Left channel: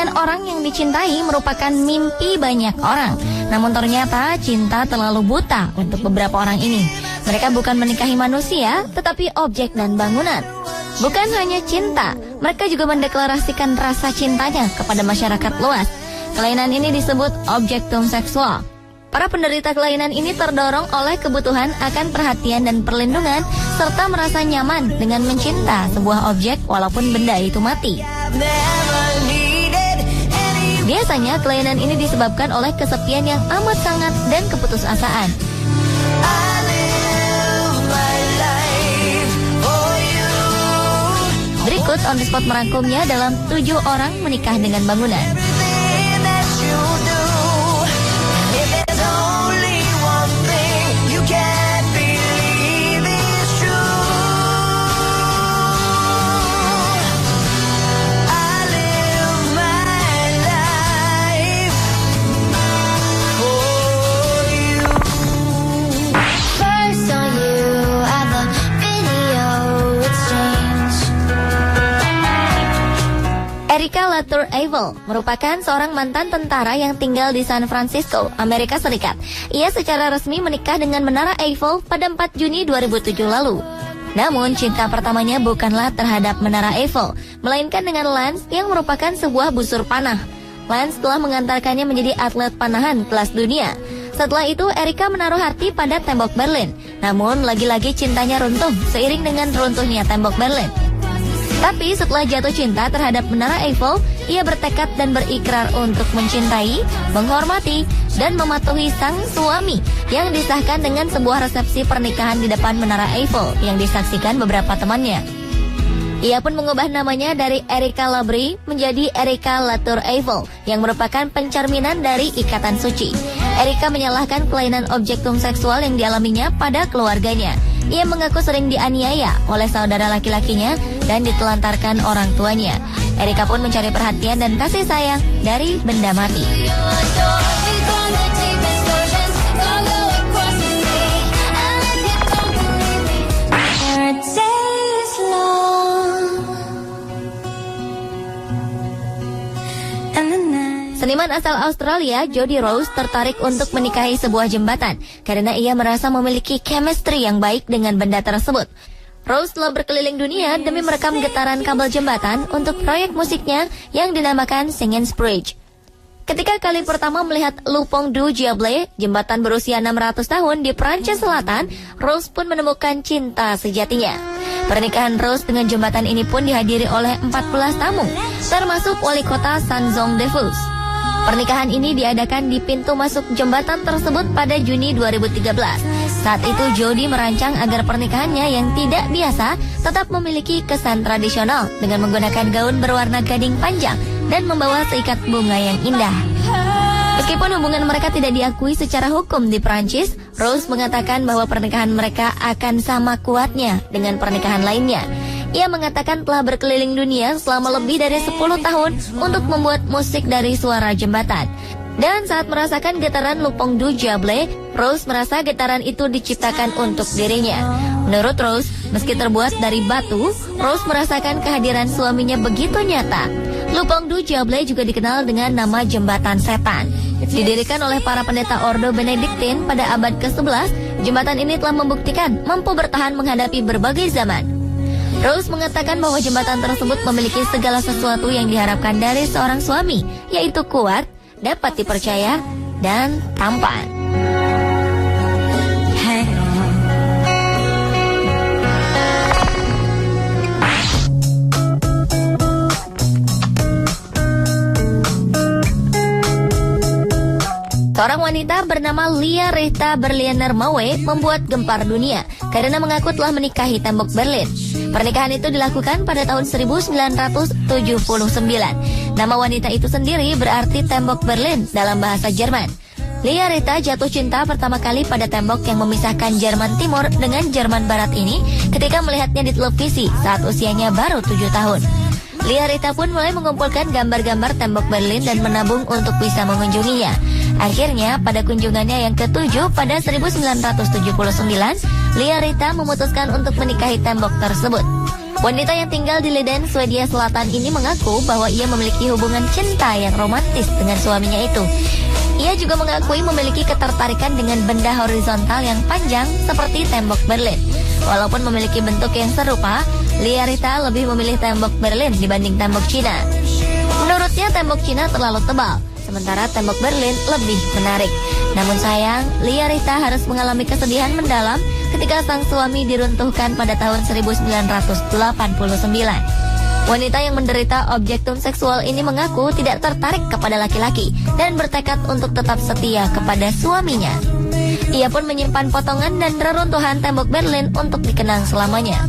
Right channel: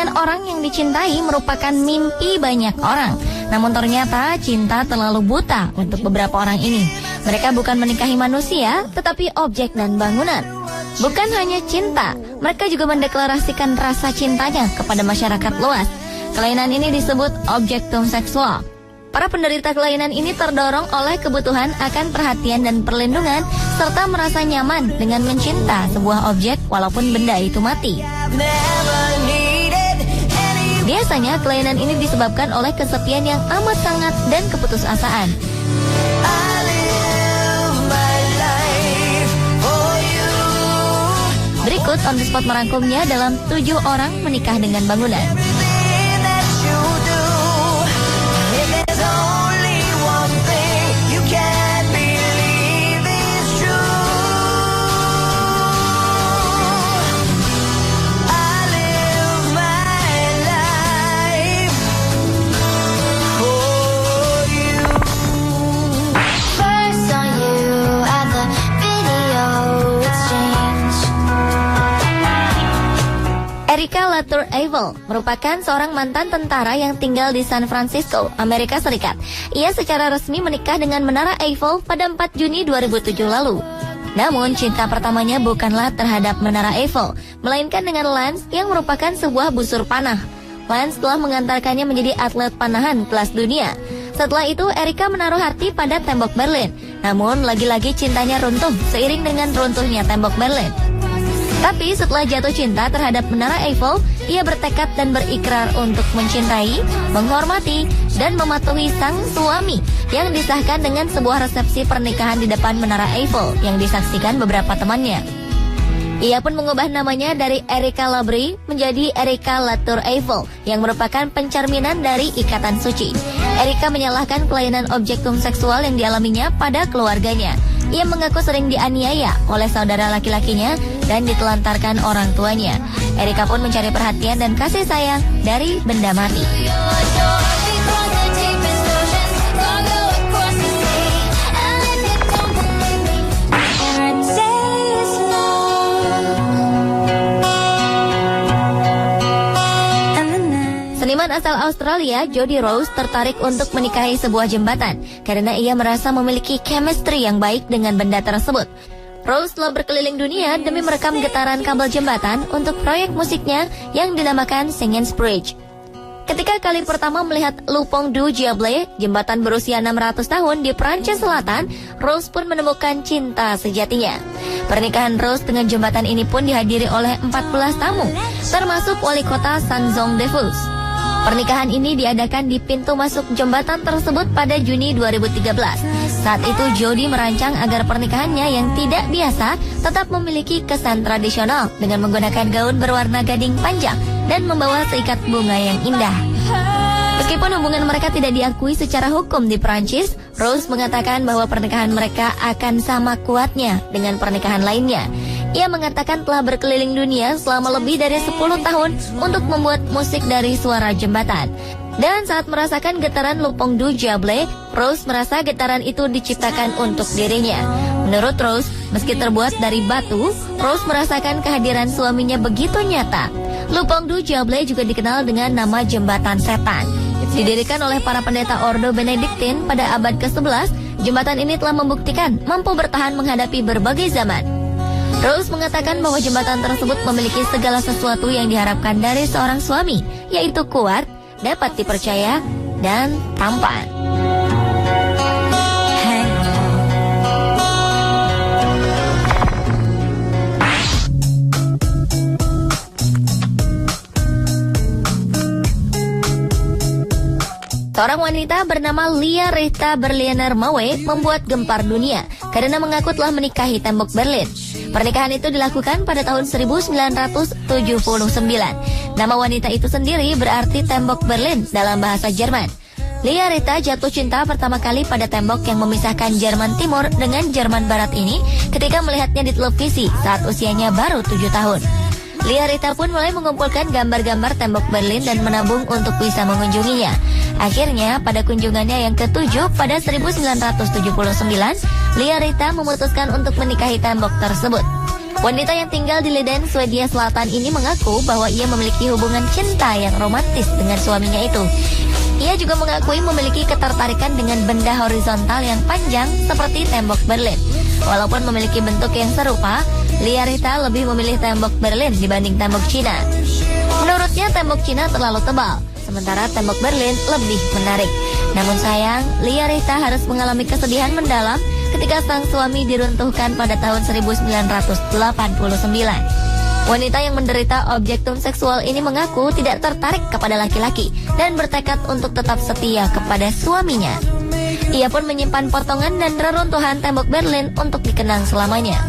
dengan orang yang dicintai merupakan mimpi banyak orang. Namun ternyata cinta terlalu buta untuk beberapa orang ini. Mereka bukan menikahi manusia, tetapi objek dan bangunan. Bukan hanya cinta, mereka juga mendeklarasikan rasa cintanya kepada masyarakat luas. Kelainan ini disebut objektum seksual. Para penderita kelainan ini terdorong oleh kebutuhan akan perhatian dan perlindungan, serta merasa nyaman dengan mencinta sebuah objek walaupun benda itu mati. Biasanya kelainan ini disebabkan oleh kesepian yang amat sangat dan keputusasaan. Berikut on the spot merangkumnya dalam 7 orang menikah dengan bangunan. Erika Luther-Eiffel merupakan seorang mantan tentara yang tinggal di San Francisco, Amerika Serikat. Ia secara resmi menikah dengan Menara Eiffel pada 4 Juni 2007 lalu. Namun, cinta pertamanya bukanlah terhadap Menara Eiffel, melainkan dengan Lance yang merupakan sebuah busur panah. Lance telah mengantarkannya menjadi atlet panahan kelas dunia. Setelah itu, Erika menaruh hati pada tembok Berlin. Namun, lagi-lagi cintanya runtuh seiring dengan runtuhnya tembok Berlin. Tapi setelah jatuh cinta terhadap Menara Eiffel, ia bertekad dan berikrar untuk mencintai, menghormati, dan mematuhi sang suami yang disahkan dengan sebuah resepsi pernikahan di depan Menara Eiffel yang disaksikan beberapa temannya. Ia pun mengubah namanya dari Erika Labrie menjadi Erika Luther-Eiffel yang merupakan pencerminan dari ikatan suci. Erika menyalahkan kelainan objektum seksual yang dialaminya pada keluarganya. Ia mengaku sering dianiaya oleh saudara laki-lakinya dan ditelantarkan orang tuanya. Erika pun mencari perhatian dan kasih sayang dari benda mati. Seniman asal Australia, Jody Rose, tertarik untuk menikahi sebuah jembatan karena ia merasa memiliki chemistry yang baik dengan benda tersebut. Rose telah berkeliling dunia demi merekam getaran kabel jembatan untuk proyek musiknya yang dinamakan Singen's Bridge. Ketika kali pertama melihat Le Pont du Diable, jembatan berusia 600 tahun di Prancis Selatan, Rose pun menemukan cinta sejatinya. Pernikahan Rose dengan jembatan ini pun dihadiri oleh 14 tamu, termasuk wali kota Saint-Jean-de-Luz. Pernikahan ini diadakan di pintu masuk jembatan tersebut pada Juni 2013. Saat itu Jody merancang agar pernikahannya yang tidak biasa tetap memiliki kesan tradisional dengan menggunakan gaun berwarna gading panjang dan membawa seikat bunga yang indah. Meskipun hubungan mereka tidak diakui secara hukum di Prancis, Rose mengatakan bahwa pernikahan mereka akan sama kuatnya dengan pernikahan lainnya. Ia mengatakan telah berkeliling dunia selama lebih dari 10 tahun untuk membuat musik dari suara jembatan. Dan saat merasakan getaran Le Pont du Diable, Rose merasa getaran itu diciptakan untuk dirinya. Menurut Rose, meski terbuat dari batu, Rose merasakan kehadiran suaminya begitu nyata. Le Pont du Diable juga dikenal dengan nama Jembatan Setan. Didirikan oleh para pendeta Ordo Benediktin pada abad ke-11, jembatan ini telah membuktikan mampu bertahan menghadapi berbagai zaman. Rose mengatakan bahwa jembatan tersebut memiliki segala sesuatu yang diharapkan dari seorang suami, yaitu kuat, dapat dipercaya, dan tampan. Seorang wanita bernama Lia Rita Berliner Maue membuat gempar dunia karena mengaku telah menikahi tembok Berlin. Pernikahan itu dilakukan pada tahun 1979. Nama wanita itu sendiri berarti tembok Berlin dalam bahasa Jerman. Lia Rita jatuh cinta pertama kali pada tembok yang memisahkan Jerman Timur dengan Jerman Barat ini ketika melihatnya di televisi saat usianya baru 7 tahun. Lia Rita pun mulai mengumpulkan gambar-gambar tembok Berlin dan menabung untuk bisa mengunjunginya. Akhirnya, pada kunjungannya yang ke-7 pada 1979, Lia Rita memutuskan untuk menikahi tembok tersebut. Wanita yang tinggal di Liden, Swedia Selatan ini mengaku bahwa ia memiliki hubungan cinta yang romantis dengan suaminya itu. Ia juga mengakui memiliki ketertarikan dengan benda horizontal yang panjang seperti tembok Berlin. Walaupun memiliki bentuk yang serupa, Liarita lebih memilih tembok Berlin dibanding tembok Cina. Menurutnya tembok Cina terlalu tebal, sementara tembok Berlin lebih menarik. Namun sayang, Liarita harus mengalami kesedihan mendalam ketika sang suami diruntuhkan pada tahun 1989. Wanita yang menderita objektum seksual ini mengaku tidak tertarik kepada laki-laki dan bertekad untuk tetap setia kepada suaminya. Ia pun menyimpan potongan dan reruntuhan tembok Berlin untuk dikenang selamanya.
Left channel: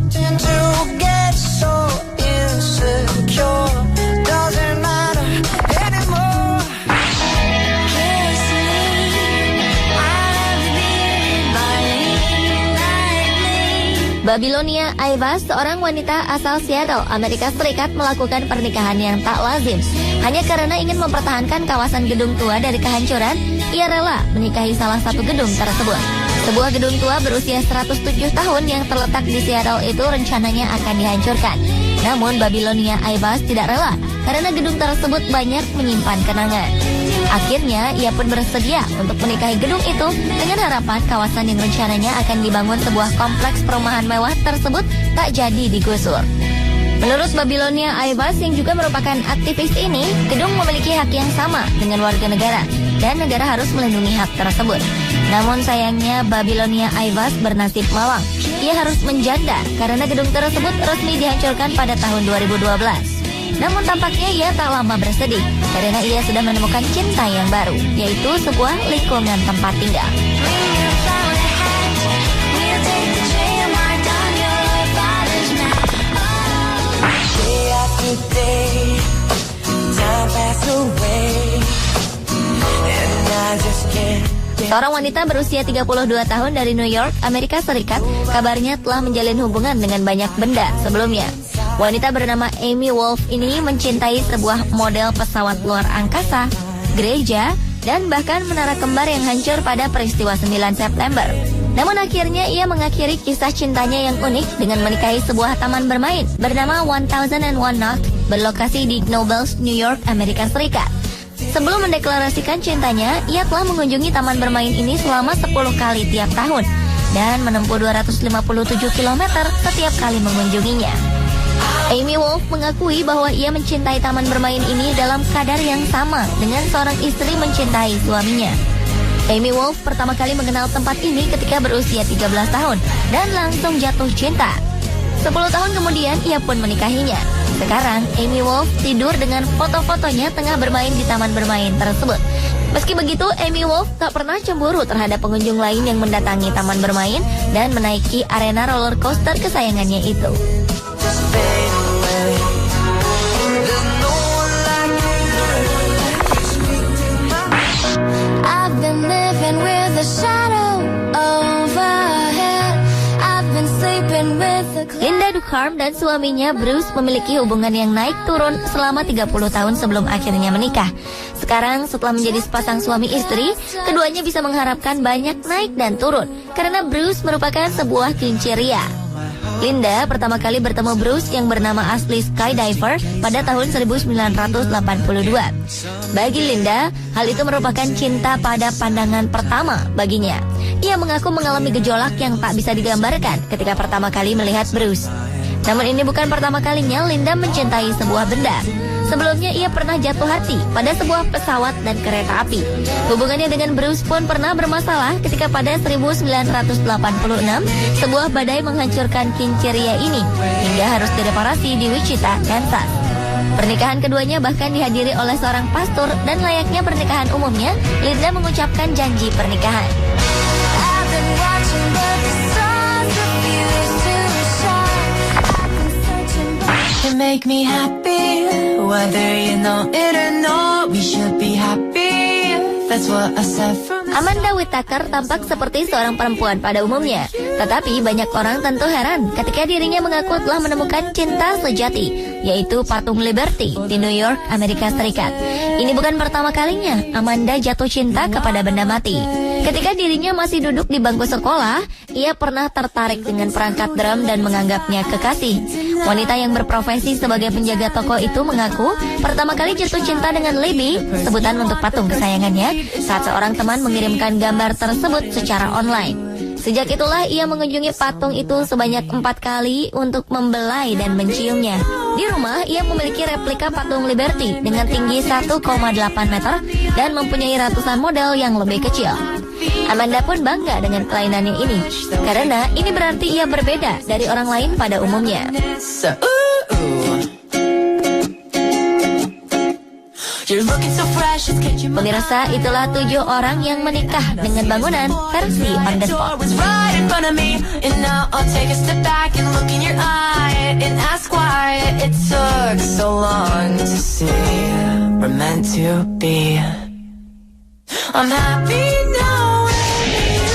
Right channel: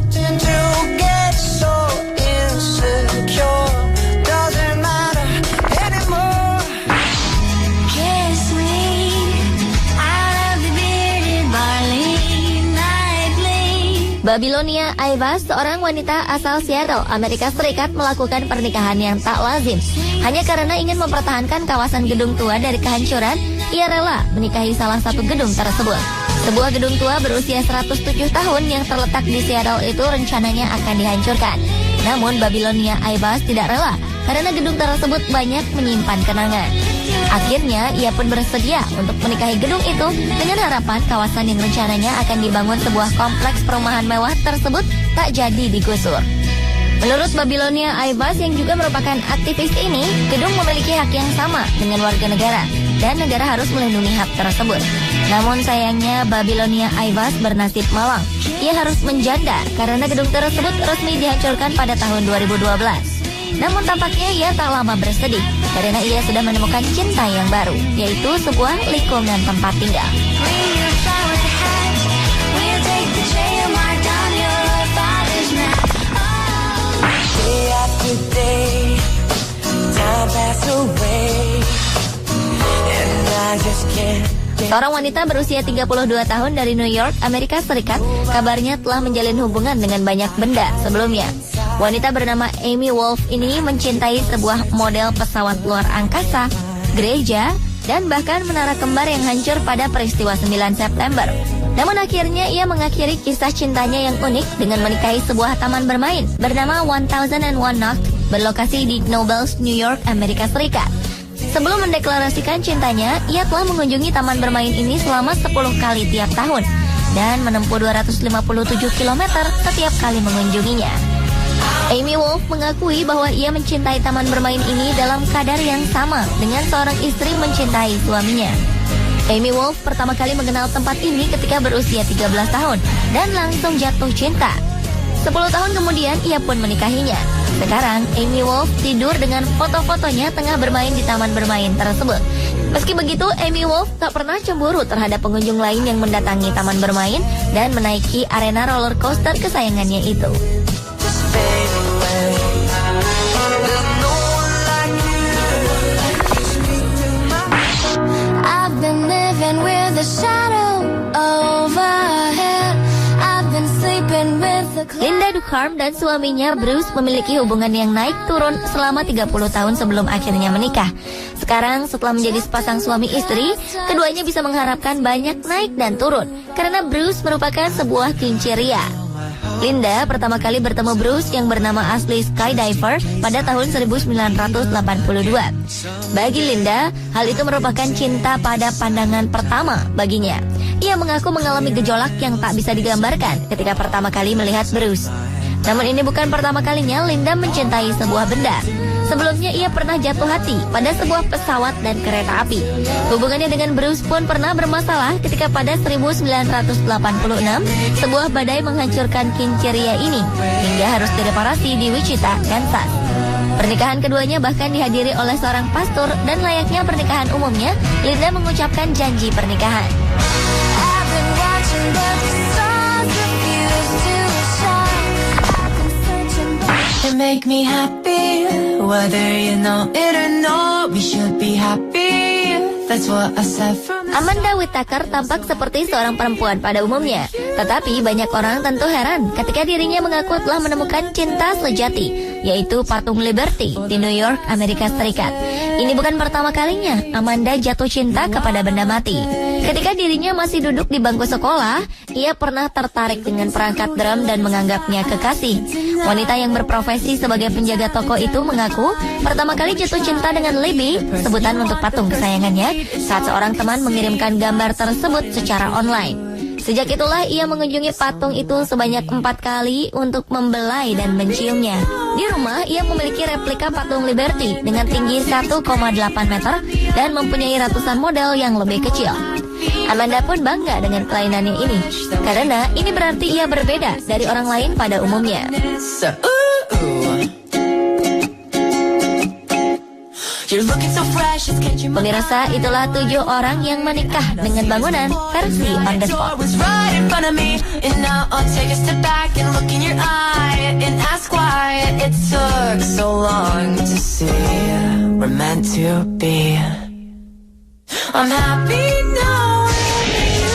Babilonia Aivas, seorang wanita asal Seattle, Amerika Serikat, melakukan pernikahan yang tak lazim. Hanya karena ingin mempertahankan kawasan gedung tua dari kehancuran, ia rela menikahi salah satu gedung tersebut. Sebuah gedung tua berusia 107 tahun yang terletak di Seattle itu rencananya akan dihancurkan. Namun Babilonia Aivas tidak rela karena gedung tersebut banyak menyimpan kenangan. Akhirnya, ia pun bersedia untuk menikahi gedung itu dengan harapan kawasan yang rencananya akan dibangun sebuah kompleks perumahan mewah tersebut tak jadi digusur. Menurut Babilonia Aivas yang juga merupakan aktivis ini, gedung memiliki hak yang sama dengan warga negara dan negara harus melindungi hak tersebut. Namun sayangnya Babilonia Aivas bernasib malang. Ia harus menjanda karena gedung tersebut resmi dihancurkan pada tahun 2012. Namun tampaknya ia tak lama bersedih karena ia sudah menemukan cinta yang baru, yaitu sebuah lingkungan tempat tinggal. Seorang wanita berusia 32 tahun dari New York, Amerika Serikat, kabarnya telah menjalin hubungan dengan banyak benda sebelumnya. Wanita bernama Amy Wolf ini mencintai sebuah model pesawat luar angkasa, gereja, dan bahkan menara kembar yang hancur pada peristiwa 9 September. Namun akhirnya ia mengakhiri kisah cintanya yang unik dengan menikahi sebuah taman bermain bernama 1001 Note berlokasi di Knobels, New York, Amerika Serikat. Sebelum mendeklarasikan cintanya, ia telah mengunjungi taman bermain ini selama 10 kali tiap tahun dan menempuh 257 km setiap kali mengunjunginya. Amy Wolf mengakui bahwa ia mencintai taman bermain ini dalam kadar yang sama dengan seorang istri mencintai suaminya. Amy Wolf pertama kali mengenal tempat ini ketika berusia 13 tahun dan langsung jatuh cinta. 10 tahun kemudian ia pun menikahinya. Sekarang Amy Wolf tidur dengan foto-fotonya tengah bermain di taman bermain tersebut. Meski begitu, Amy Wolf tak pernah cemburu terhadap pengunjung lain yang mendatangi taman bermain dan menaiki arena roller coaster kesayangannya itu. I've been living with a shadow overhead. I've been sleeping with a cloud. Linda Ducharme dan suaminya Bruce memiliki hubungan yang naik turun selama 30 tahun sebelum akhirnya menikah. Sekarang setelah menjadi sepasang suami istri, keduanya bisa mengharapkan banyak naik dan turun karena Bruce merupakan sebuah kelinci ria. Linda pertama kali bertemu Bruce yang bernama asli skydiver pada tahun 1982. Bagi Linda, hal itu merupakan cinta pada pandangan pertama baginya. Ia mengaku mengalami gejolak yang tak bisa digambarkan ketika pertama kali melihat Bruce. Namun ini bukan pertama kalinya Linda mencintai sebuah benda. Sebelumnya ia pernah jatuh hati pada sebuah pesawat dan kereta api. Hubungannya dengan Bruce pun pernah bermasalah ketika pada 1986 sebuah badai menghancurkan Kincheria ini hingga harus direparasi di Wichita, Kansas. Pernikahan keduanya bahkan dihadiri oleh seorang pastor dan layaknya pernikahan umumnya, Linda mengucapkan janji pernikahan. Make me happy, whether you know it or not, we should be happy. That's what I said from the... Amanda Whittaker tampak seperti seorang perempuan pada umumnya, tetapi banyak orang tentu heran ketika dirinya mengaku telah menemukan cinta sejati, yaitu patung Liberty di New York, Amerika Serikat. Ini bukan pertama kalinya Amanda jatuh cinta kepada benda mati. Ketika dirinya masih duduk di bangku sekolah, ia pernah tertarik dengan perangkat drum dan menganggapnya kekasih. Wanita yang berprofesi sebagai penjaga toko itu mengaku pertama kali jatuh cinta dengan Libby, sebutan untuk patung kesayangannya, saat seorang teman mengirimkan gambar tersebut secara online. Sejak itulah ia mengunjungi patung itu sebanyak 4 kali untuk membelai dan menciumnya. Di rumah, ia memiliki replika patung Liberty dengan tinggi 1,8 meter dan mempunyai ratusan model yang lebih kecil. Amanda pun bangga dengan kelainannya ini, karena ini berarti ia berbeda dari orang lain pada umumnya. Pemirsa, itulah 7 orang yang menikah dengan bangunan versi on the spot. I'm happy now.